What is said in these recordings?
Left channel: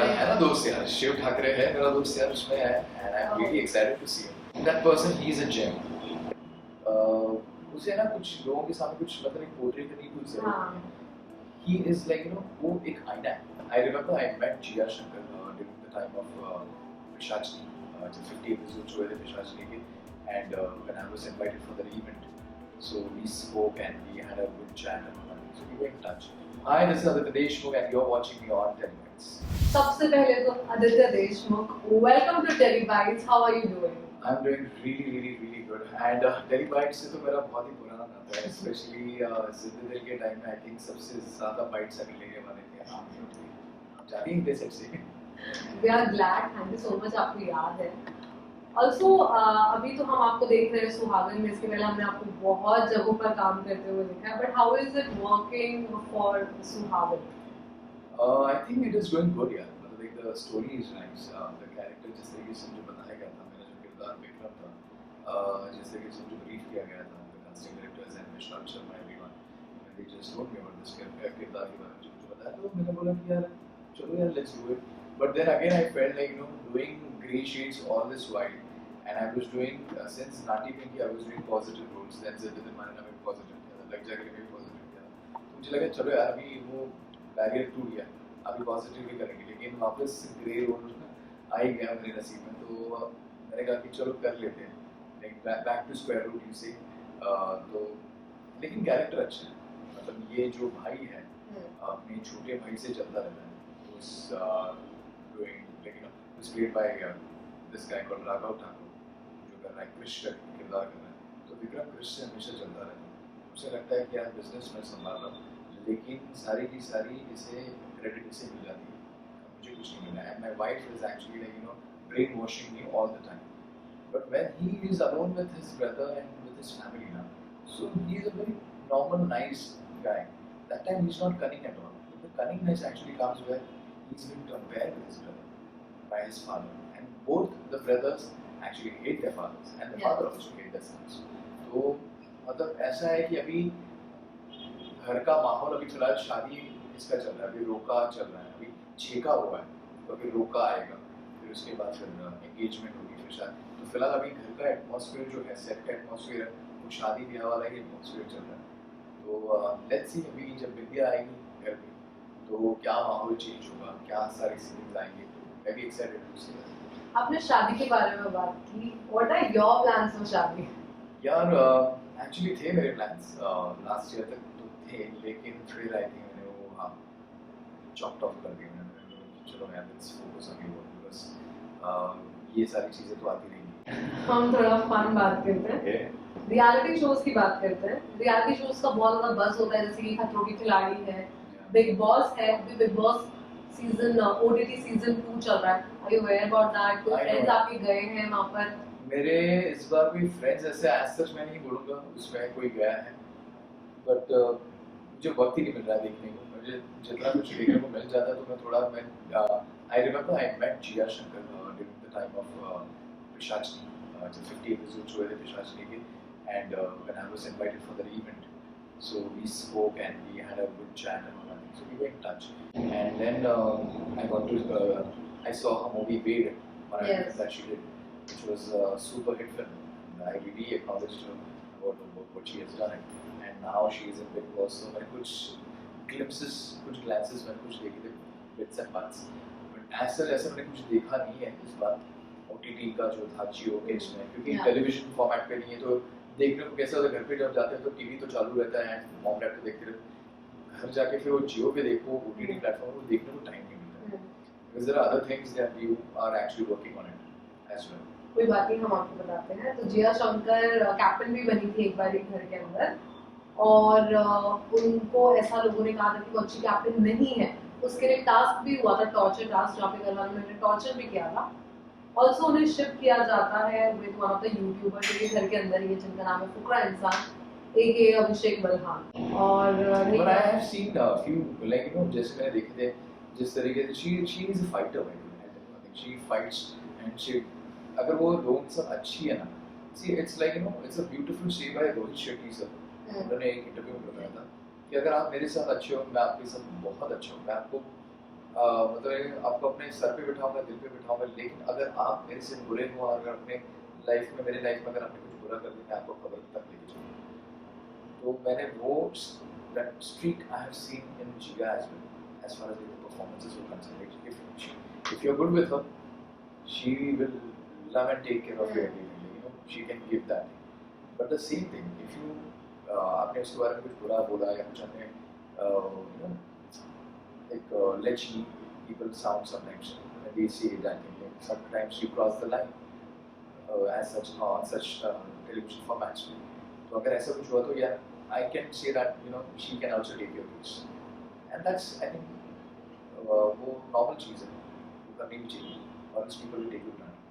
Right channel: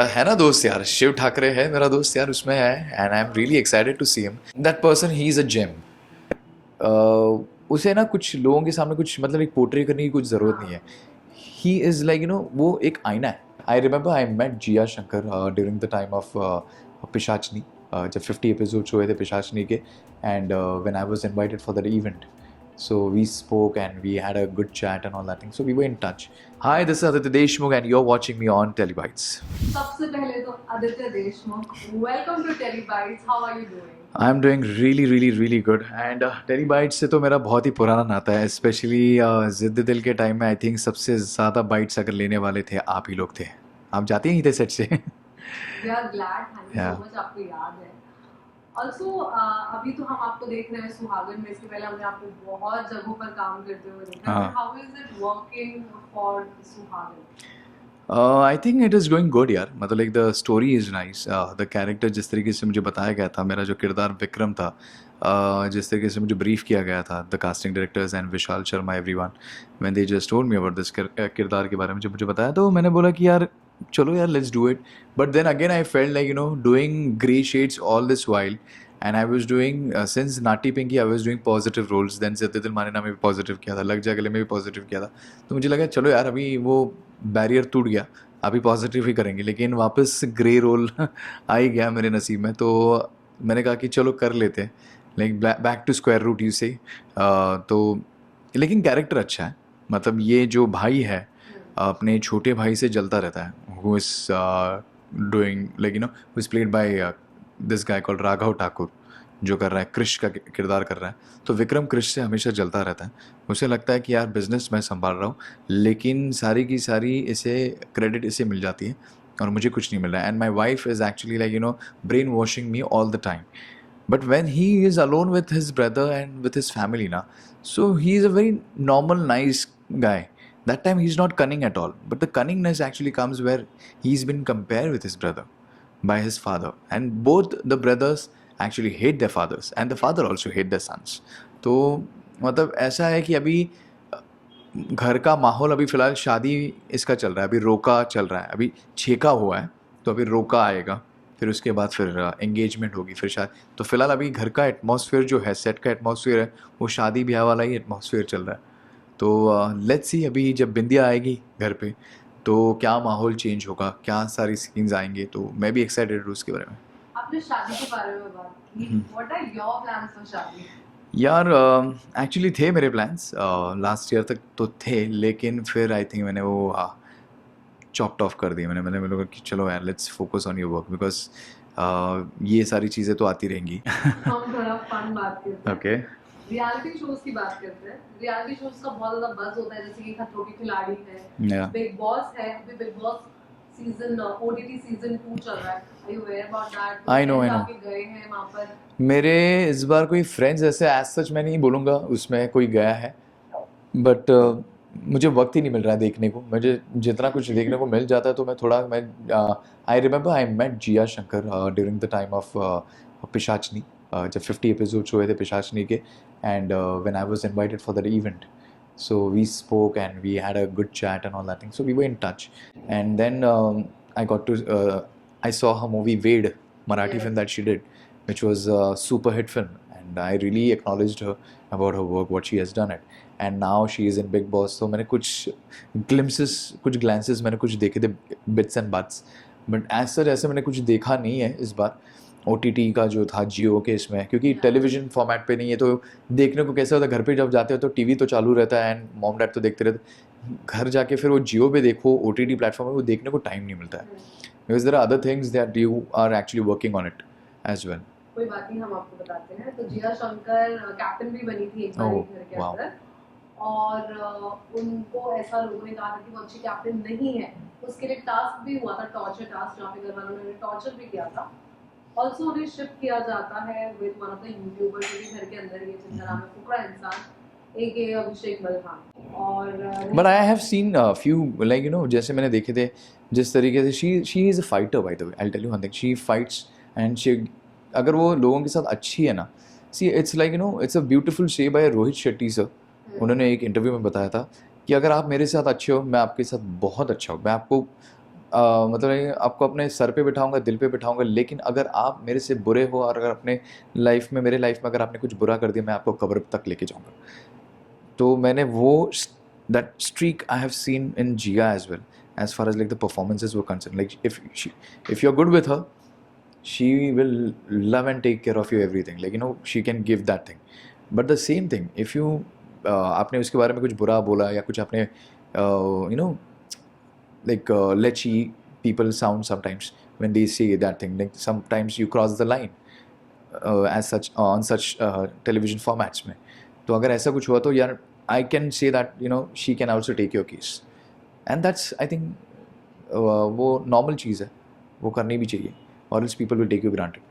मेरा है ना दोस्त यार, शिव ठाकरे है मेरा दोस्त यार, उसमें है and I am really excited to see him. That person he is a gem. उसे ना कुछ लोगों के सामने कुछ मतलब एक पोर्ट्रे करने की कुछ ज़रूरत नहीं है। ही इज़ लाइक वो एक आईना है। I remember I met Jiya Shankar during the time of Pishachini, जब 50 एपिसोड्स हुए थे पिशाचनी के, and when I was invited for that event, so we spoke and we had a good chat and all that thing, so we were in touch. Hi, this is Aditya Deshmukh and you're watching me on Telebytes. सबसे पहले तो Aditya Deshmukh, welcome to Telebytes. How are you doing? I'm doing really good and Telebytes से तो मेरा बहुत ही पुराना नाता है, स्पेशली जिद्द दिल के टाइम में आई थिंक सबसे ज़्यादा बाइट्स अगर लेने वाले थे आप ही लोग थे। आप जाते ही थे सेट से। We are glad, thank you Yeah. So much, आपको याद है। ऑल्सो अभी तो हम आपको देख रहे हैं सुहागन में, इसके पहले हमने आपको बहुत जगहों पर काम करते हुए देखा है, हाँ। But how is it working for Suhagan? I think it is going good यार, मतलब like the story is nice. The character जिस तरीके से मुझे बताया गया था, मेरा जो किरदार विक्रम था, जिस तरीके से मुझे ब्रीफ किया गया था, the casting directors and Vishal Sharma everyone, when they just told me about this किरदार के बारे में जब मुझे बताया, तो मैंने बोला कि यार चलो यार let's do it. But then again I felt like doing grey shades all this while, and I was doing since naughty pinky I was doing positive roles, then Ziddi Dil मानिना में भी पॉजिटिव किया था, लग जा गले में भी पॉजिटिव किया था। तो मुझे लगा चलो यार अभी वो बैरियर टूट गया, अभी पॉजिटिव ही करेंगे, लेकिन वापस ग्रे रोल आ ही गया मेरे नसीब में। तो मैंने कहा कि चलो कर लेते हैं, like back to square root you से। तो लेकिन कैरेक्टर अच्छा है, मतलब ये जो भाई है अपने छोटे भाई से जलता रहता है, who is doing like who is played by this guy called Raghav Thakur, जो कर रहा है कृष का किरदार कर रहा है। तो विक्रम कृष से हमेशा जलता रहता है, उसे लगता है कि यार बिजनेस मैं संभाल रहा हूँ, लेकिन सारी की सारी इसे क्रेडिट इसे मिल जाती है और मुझे कुछ नहीं मिल रहा है। And my wife is actually like brain washing me all the time, but when he is alone with his brother and with his family now, so he is a very normal nice guy. That time he's not cunning at all, but the cunningness actually comes where he's been compared with his brother by his father, and both the brothers actually hate their fathers and the father also hate their sons. तो मतलब ऐसा है कि अभी घर का माहौल अभी फ़िलहाल शादी इसका चल रहा है, अभी रोका चल रहा है, अभी छेका हुआ है, तो अभी रोका आएगा, फिर उसके बाद फिर एंगेजमेंट होगी, फिर शादी। तो फ़िलहाल अभी घर का एटमॉस्फेयर जो है, सेट का एटमॉस्फेयर है, वो शादी ब्याह वाला ही एटमॉस्फेयर चल रहा है। तो लेट्स सी अभी जब बिंदिया आएगी घर पे तो क्या माहौल चेंज होगा, क्या सारी सीन्स आएंगे, तो मैं भी एक्साइटेड हूँ उसके बारे में। आपने शादी के बारे में बात की, what are your plans for shaadi? यार एक्चुअली थे मेरे प्लान्स लास्ट ईयर तक तो थे, लेकिन फिर आई थिंक मैंने वो चॉप्ड ऑफ कर दिए। मैंने कहा कि चलो यार let's focus on your work, because ये सारी चीज़ें तो आती रहेंगी। हम थोड़ा फन बात करते हैं, ओके। रियलिटी शोज की बात करते हैं। रियलिटी शोज का बहुत ज्यादा बज़ होता है, जैसे कि खतरों की खिलाड़ी है, बिग बॉस है, अभी Bigg Boss season OTT season 2 चल रहा है। Are you aware about that? I know. आप गए हैं वहां पर? मेरे इस बार कोई फ्रेंड्स ऐसे एज सच मैं नहीं बोलूँगा उसमें कोई गया है, बट मुझे वक्त ही नहीं मिल रहा है देखने को। मुझे जितना कुछ देखने को मिल जाता है तो मैं I remember I met Jiya Shankar during the time of Pishachini, जब 50 एपिसोड्स हुए थे पिशाचनी के, and when I was invited for that event, so we spoke and we had a good chat and all that thing, so we were in touch. And then I saw her movie Wade, Marathi Yes. film that she did, which was a super hit film, and I really acknowledged her about her work, what she has done it. And now she is in Big Boss, so मैंने कुछ glances मैंने कुछ देखे थे, bits and bats, but as such ऐसे मैंने कुछ देखा नहीं है इस बार OTT का जो था जियो के इसमें, क्योंकि टेलीविजन फॉर्मेट पे नहीं है, तो देखने को कैसा होता है, घर पे जब जाते हो तो टीवी तो चालू रहता है एंड मॉम डैड तो देखते रहते, घर जाके फिर वो जियो पे देखो OTT प्लेटफॉर्म में, वो देखने को टाइम नहीं मिलता है, because there are other things that you are actually working on it as well. कोई बात नहीं, हम आपको बताते हैं। तो जिया शंकर कैप्टन भी बनी थी एक बार एक घर के wow. अंदर, और उनको ऐसा लोगों ने कहा था कि वो अच्छी कैप्टन नहीं है। उसके लिए टास्क भी हुआ था, टॉर्चर टास्क, जहाँ पे घर वालों ने टॉर्चर भी किया था। ऑल्सो उन्हें शिप किया जाता है with one of the YouTuber, जो घर के अंदर ही है, जिनका नाम है फुकरा इंसान एके अभिषेक बलहान। और but I have seen few like जैसे मैंने देखे थे जिस तरीके से she is a fighter, by the way I will tell you one thing, she fights and she, अगर वो लोगों के साथ अच्छी है ना, see it's like it's a beautiful show by Rohit Shetty sir. उन्होंने एक इंटरव्यू में बताया था कि अगर आप मेरे साथ अच्छे हो, मैं आपके साथ बहुत अच्छा हूँ, मैं आपको मतलब ये आपको अपने सर पे बिठाऊंगा, दिल पे बिठाऊंगा, लेकिन अगर आप मेरे से बुरे हो और अगर अपने लाइफ में, मेरे लाइफ में अगर आपने कुछ बुरा कर दिया, मैं आपको कब्र तक लेके जाऊंगा. तो मैंने वो that streak I have seen in Jiya as well, as far as like the performances were concerned. Like if you're good with her, she will love and take care of you everything. Like you know, she can give that thing. But the same thing, if you आपने उसके बारे में कुछ बुरा बोला या कुछ आपने you know, like letchy people sound sometimes when they say that thing. Like sometimes you cross the line as such on such television formats में. तो अगर ऐसा कुछ हुआ तो यार I can say that you know she can also take your case. And that's I think वो normal चीज़ है, वो करनी भी चाहिए, और else people will take you granted.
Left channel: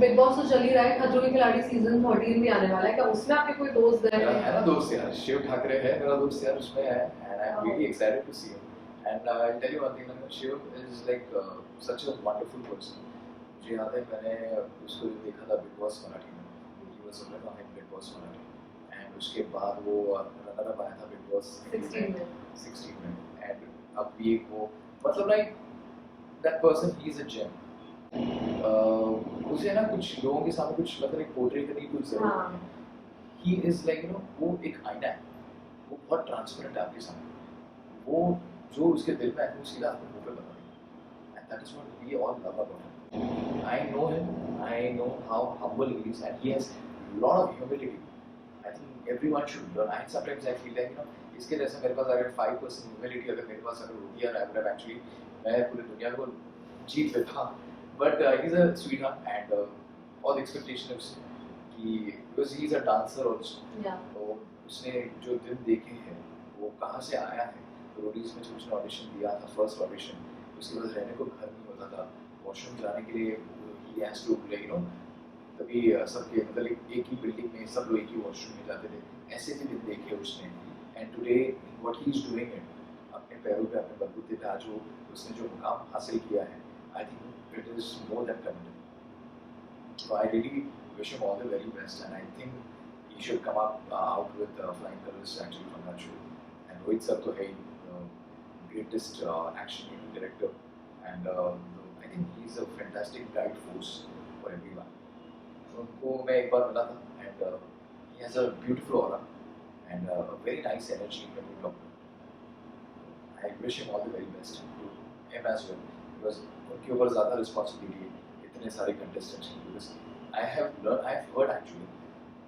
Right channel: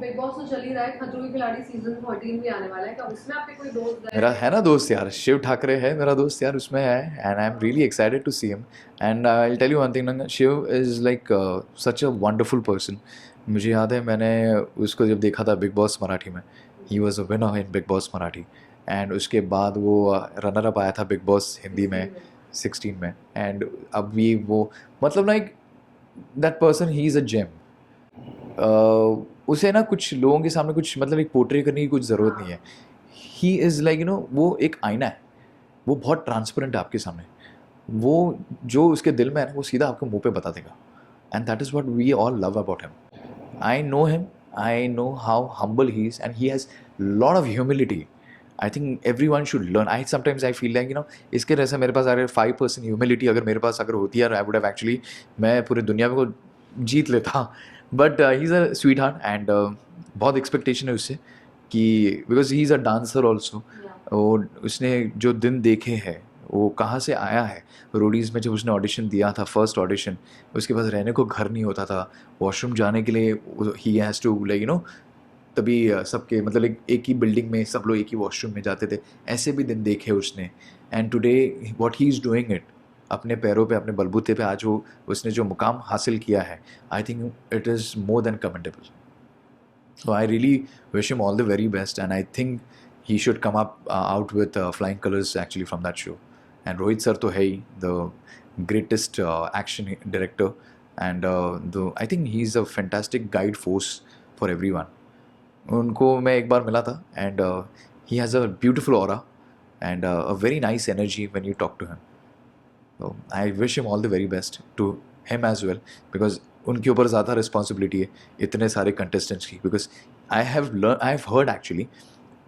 Bigg Boss तो चल ही रहा है, खतरों के खिलाड़ी सीजन 13 भी आने वाला है, क्या उसमें आपके कोई दोस्त गए मेरा हैं? है ना दोस्त यार, शिव ठाकरे है मेरा दोस्त यार, उसमें है, and I am really excited to see him. And I will tell you one thing, Shiv is like such a wonderful person. मुझे याद है मैंने उसको जब देखा था बिग बॉस मराठी में, he was a winner in big boss Marathi, and उसके बाद वो रनर अप आया था बिग बॉस हिंदी में 16 में. एंड अभी वो मतलब like that person, he is a gem. उसे ना कुछ लोगों के सामने कुछ मतलब एक पोर्ट्रे करने की कुछ ज़रूरत नहीं है. He is like you no, वो एक आईना है, वो बहुत ट्रांसपेरेंट है आपके सामने. वो जो उसके दिल में है वो सीधा आपको मुंह पे बता देगा. And that is what we all love about him. I know him, I know how humble he is, and he has lot of humility. I think everyone should learn. I sometimes I feel like you know, इसके जैसे मेरे पास अगर 5% humility अगर मेरे पास अगर होती है, I would have actually, मैं पूरी दुनिया को जीत लेता. But he is a sweet heart, and बहुत एक्सपेक्टेशन है उससे कि because he is a dancer also. और उसने जो दिन देखे हैं, वो कहाँ से आया है. रोडीज़ में जब उसने ऑडिशन दिया था, फर्स्ट ऑडिशन, उसके पास रहने को घर नहीं होता था, वॉशरूम जाने के लिए he has to like you know, तभी सबके मतलब एक ही बिल्डिंग में सब लोग एक ही वॉशरूम में जाते थे. ऐसे भी दिन देखे उसने. And today what he is doing it, अपने पैरों पे, अपने बलबूते पे आज वो उसने जो मुकाम हासिल किया है, आई think it is more than commendable. So I really wish him all the very best, and I think he should come up out with flying colors actually from that show. And Rohit sir to hai the greatest action director, and I think he's a fantastic guide force for everyone. उनको मैं एक बार मिला था, and he has a beautiful aura and a very nice energy when you talk to him. So I wish him all the very best to him as well, because उनके ऊपर ज़्यादा responsibility है इतने सारे कंटेस्टेंट्स की. Because I have heard actually,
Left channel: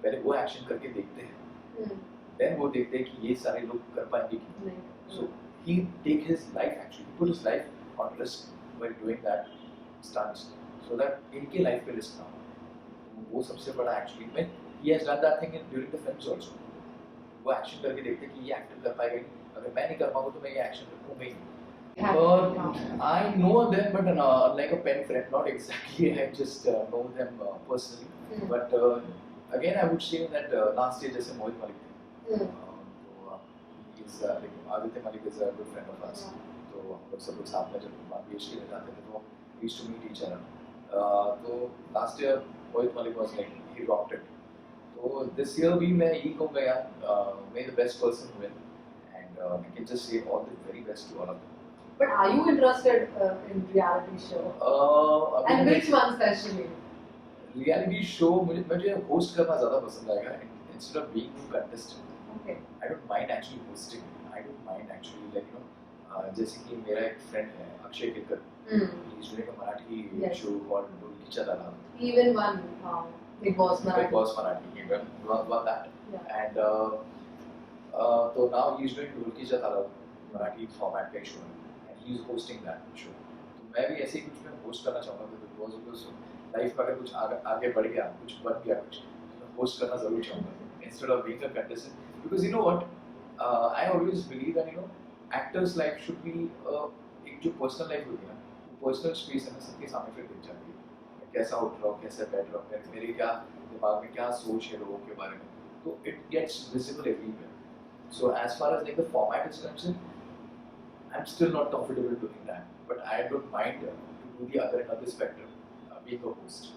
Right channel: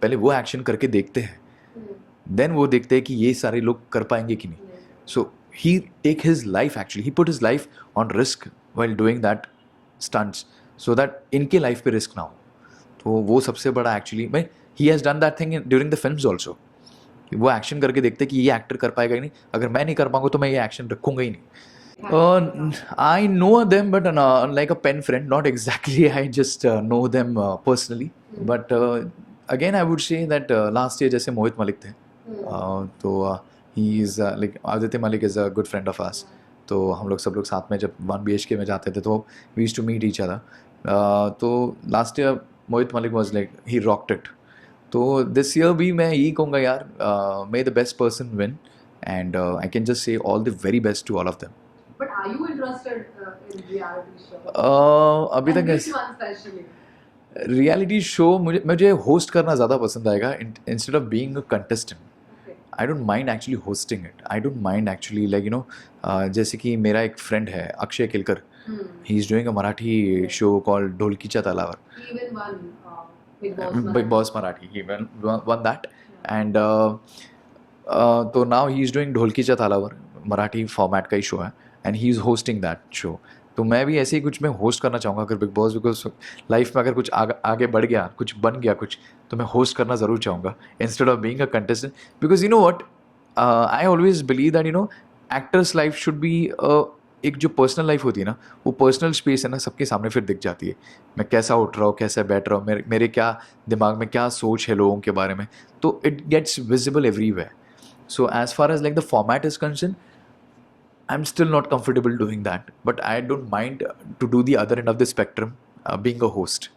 पहले वो action करके देखते हैं, देन वो देखते हैं कि ये सारे लोग कर पाएंगे कि नहीं. So he take his life, actually he put his life on risk while doing that stunts, so that इनके लाइफ पे रिस्क ना हो. तो वो सबसे बड़ा एक्चुअली, मैं he has done that thing during the films also. वो एक्शन करके देखते कि ये एक्टर कर पाएगा ही नहीं, अगर मैं नहीं कर पाऊंगा तो मैं ये एक्शन रखूंगा ही नहीं. I know them, but like a pen friend, not exactly. I just know them personally. But again, I would say that last year जैसे मोहित मलिक थे, तो he is like Aditya Malik is a good friend of us. तो हम लोग सब लोग साथ में जब 1 BHK में जाते थे तो we used to meet each other. तो last year Mohit Malik was like he rocked it. तो this year भी मैं यही कहूँगा यार, may the best person win, and I can just say all the very best to all of them. But are you interested in reality show? अभी And तक which one especially? Reality show मुझे host करना ज़्यादा पसंद आएगा instead of being a contestant. Okay. I don't mind actually hosting it. I don't mind actually like you know, जैसे कि मेरा एक फ्रेंड है Akshay Kilkar, he is doing a Marathi Yes. Show called ढोलकीच्या तालावर. He even won Big Boss Big Marathi. Boss Marathi, he won that. Yeah. And तो now he is doing ढोलकीच्या तालावर, Marathi format का ही शो है, and he is hosting that show. तो मैं भी ऐसे ही कुछ मैं होस्ट करना चाहूँगा अगर बिग बॉस, बिकॉज लाइफ में अगर कुछ आगे बढ़ गया, कुछ बन गया कुछ, तो मैं होस्ट करना ज़रूर चाहूँगा instead of being a contestant. Because you know what, I always believe that you know actors life should be एक जो पर्सनल लाइफ होती है ना, वो पर्सनल स्पेस है ना, सबके सामने फिर दिख जाती है. मैं कैसा उठ रहा हूँ, कैसा बैठ रहा हूँ, मेरे क्या दिमाग में क्या सोच है लोगों के बारे में, तो it gets visible everywhere. So as far as like the format is concerned, I'm still not comfortable doing that, but I don't mind to do the other end of the spectrum, being a host.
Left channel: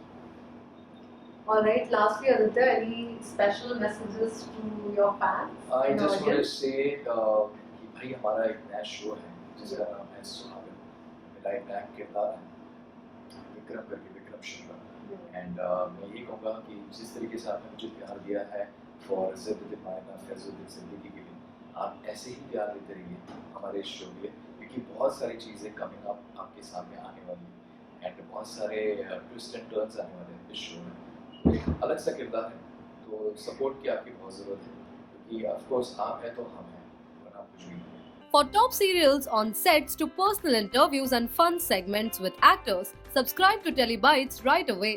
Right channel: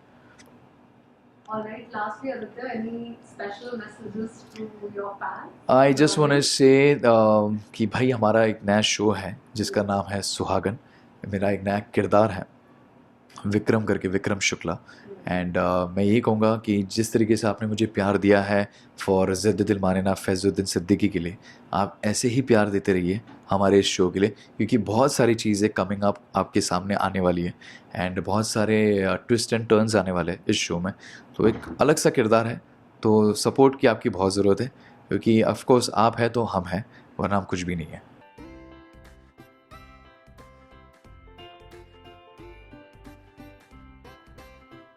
All right. Lastly, Aditya, any special messages to your fans? I just want to audience? say कि भाई हमारा एक नया show है जिसका नाम है सुहागन, मेरा एक नया किरदार है विक्रम करके, विक्रम शुक्ला। एंड मैं यही कहूँगा कि जिस तरीके से आपने मुझे प्यार दिया है फॉर ज़िद दिल माने ना फैज़ुद्दीन सिद्दीकी के लिए, आप ऐसे ही प्यार देते रहिए हमारे इस शो के लिए, क्योंकि बहुत सारी चीज़ें कमिंग अप आपके सामने आने वाली है एंड बहुत सारे ट्विस्ट एंड टर्न्स आने वाले हैं इस शो में। तो एक अलग सा किरदार है, तो सपोर्ट की आपकी बहुत ज़रूरत है, क्योंकि ऑफ कोर्स आप हैं तो हम हैं, वरना हम कुछ भी नहीं है। For top serials on sets to personal interviews and fun segments with actors, subscribe to Telebytes right away.